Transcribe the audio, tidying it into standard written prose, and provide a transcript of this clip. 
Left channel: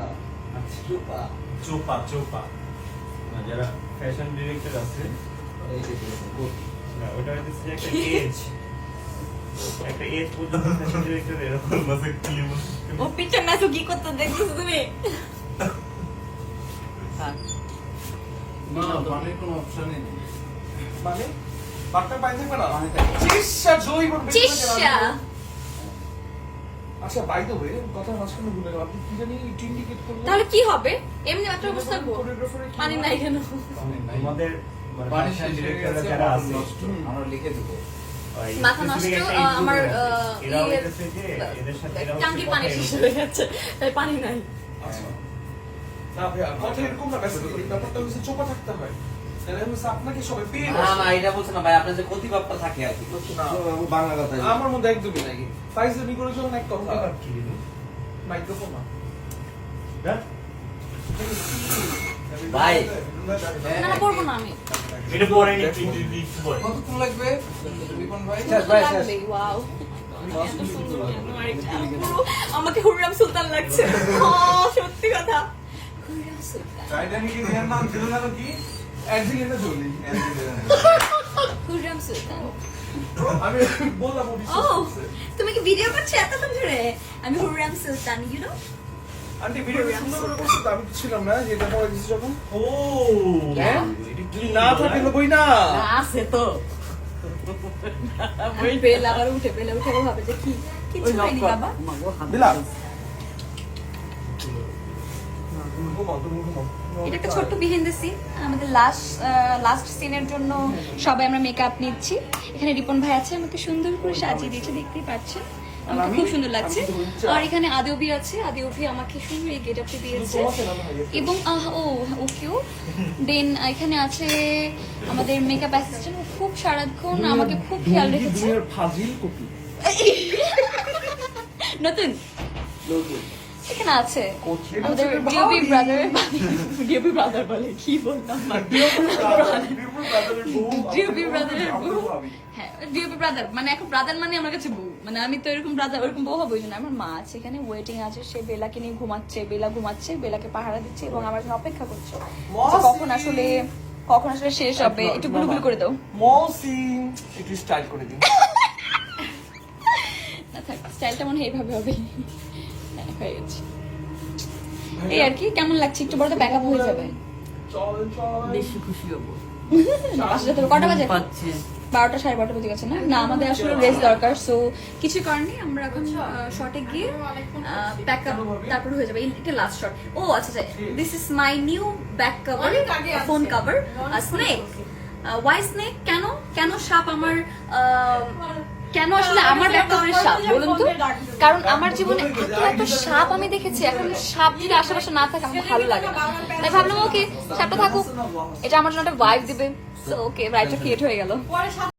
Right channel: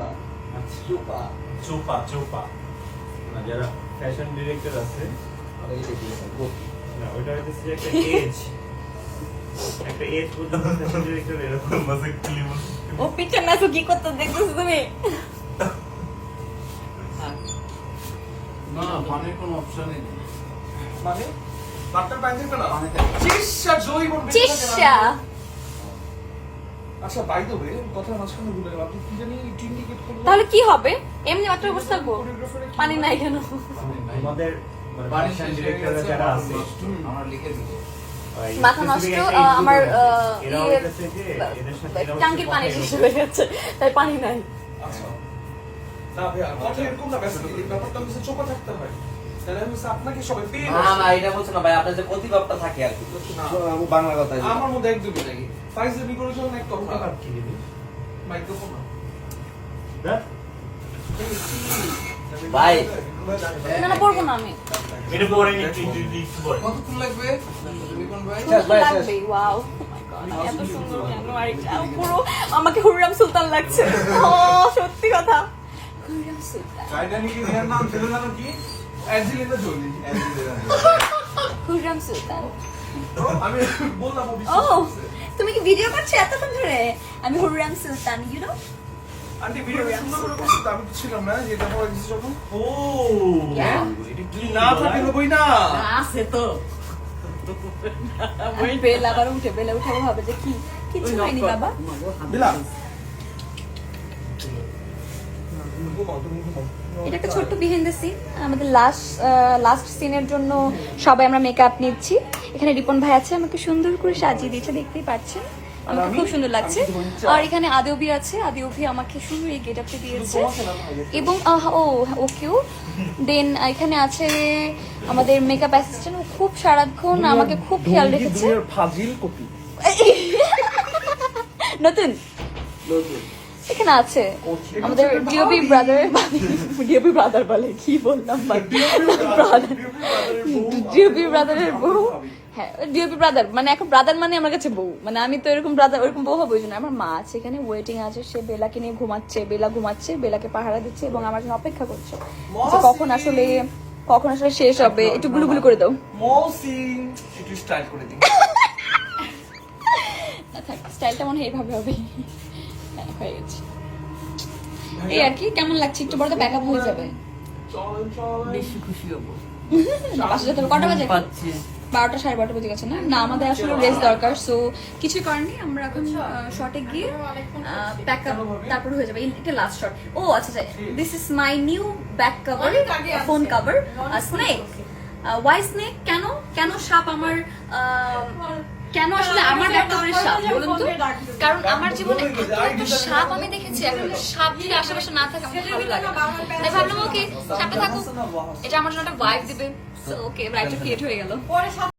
না চোপা চোপা চোপা না, যারা ফ্যাশন ডিরেক্টর আছে এই যে না, ওটা হচ্ছে একটা এজ পর্যন্ত ফ্যাশন ডিরেক্টর এরকম মাসে ক্লিম ও পিছনে আসো কি করতে দেখতেছো তুমি? না পানির কোনো অপশনই নেই মানে বাটটার পানি থাকবে না পানি থাকে চিসা দই বল চিসা আচ্ছা বাই দ্য ওয়ে কথা মাঝখানে ভুলে গেলাম আপনি কি জানি ইন্ডিকেট করলেন তাহলে কি হবে? এমনি মাত্র বসে থাকবো? কোরিওগ্রাফারে পানি নাই কেন? আমাদের পানি ফ্যাশন শেষ হয়ে ডিরেক্টর গেছে যারা আছে আমরা লিখে দিব মাথা নষ্ট, আমার এরা হইতেছে যে এদের সাথে এরা টাঙ্কির পানি শেষ হয়ে গেছে, তাই পানি নাই। আচ্ছা না ভাইয়া কথা এরকম না বেসিক্যালি ব্যাপারটা হচ্ছে চোপা থাকতে হয় তাহলে আমি আপনাকে সবাই পেয়ে না না এটা বলছ না ভাই আপনার যে প্রতিভাবটা থাকে আর কি না বাংলা কথা আমার মধ্যে একদমই নাই ফাইজলামি করে যখন এক কথা কি দিবি মাইক্রোফোন না দেখ ভাই। না না পড়বো না আমি। এটা পরে একটু বল কতক্ষণ লাগবে রিপন ভাই শেষ ভাই শেষ লাগবে, wow. এত সুন্দর কেন আর এটা? পুরো আমাকে হুররাম সুলতান লাগছে। ও, সত্যি কথা। হুররাম সুলতান। টাইটানিকের এর নাম ছিল জানো কি অ্যাঞ্জেলিনা জোলি হুররাম সুলতান। আমি বললাম ও ও, বিশ্বাস করছে তুমি কি ভিডিও করছো এতক্ষণ ধরে? আমি হুররাম সুলতান, you know? আন্টি ভিডিও সুন্দর করে করছে তো আমি তো ছিলাম না যে দেখা হয়েছে যখন ও Yeah. যদি না থাকে বই না আছে তো। বেল আবার উঠে, বেলা উঠে ও ভাবে যে কি কিছু হয়নি বাবা। দিলা ঘুমাও তুমি ঘুমাও এটা একটা ছোট্ট বিহাইন্ড দ্য সিন, আমাদের লাস্ট সিনের জন্য সবাই আমরা মেকআপ নিচ্ছি। এখানে রিপন ভাই আছে, আমাকে সুন্দর করে সাজিয়ে দিয়েছে, দেখতেই পাচ্ছেন, আমাকে খুব সুন্দর লাগছে। আর এখানে আদিওবি আছে, আদিওবি আমাকে সুন্দর এই গেটআপটা দিয়েছে এবং ওকেও দেন এখানে আছে আমাদের মেকআপ অ্যাসিস্ট্যান্ট, খুব সারাক্ষণ আমাকে খুব খেয়াল রেখেছে। ফাজিল কপি নতুন এখানে আছে আমাদের ডিওপি ব্রাদার বলে কি বললাম, ডিওপি ব্রাদারের বউ। হ্যাঁ ডিওপি ব্রাদার মানে এখন ব্রাদার মানে আমার কাছে বউ, মানে আমি তো এরকম ব্রাদার ওরকম বউ হবো না। আমার মা আছে এখানে ওয়েটিং আছে, সে বেলাকে নিয়ে ঘুমাচ্ছে, বেলা ঘুমাচ্ছে, বেলাকে পাহারা দিচ্ছে এবং আমার জন্য অপেক্ষা করছে কখন আসলে শেষ হবে। একটু গুলগুল করে দাও মৌসি একটু স্টাইল করে দিন না থাক, স্টাইলটা মনে হয় এইভাবে হবে। হ্যাঁ হয়ে গেছে এই আর কি। কেমন লাগছে? একটু বড় ব্যাকআপ হয়ে যাবে। চলেন বেশি খুশি হবো না বাসা যেতে হবে। কটা বাজে? পাচ্ছে 12টা 12:30 বেজে গেছে না? না আমাদের আসলে রেস্ট দরকার, সো কিছু কারণে আমরা এখন শর্টে গিয়ে ব্যাকআপ তারপর হয়ে যাবে। এটা লাস্ট শট। ও আচ্ছা আচ্ছা, this is my new back cover, phone cover, snake. Why snake? কেন কেন সাপ আমার কেন আসলে আমার ব্যাক কভারের সাপ বলুন তো? কারণ আমার জীবনে এত সাপ আমি দেখেছি, এখন সাপ যদি আশেপাশে না থাকে আমার ভালো লাগে না। তাই ভাবলাম ওকে সাপটা থাকুক, এটা আমার জন্য একটা ভাইব দিবে। ওকে ভাইবটা ক্রিয়েট হয়ে গেল।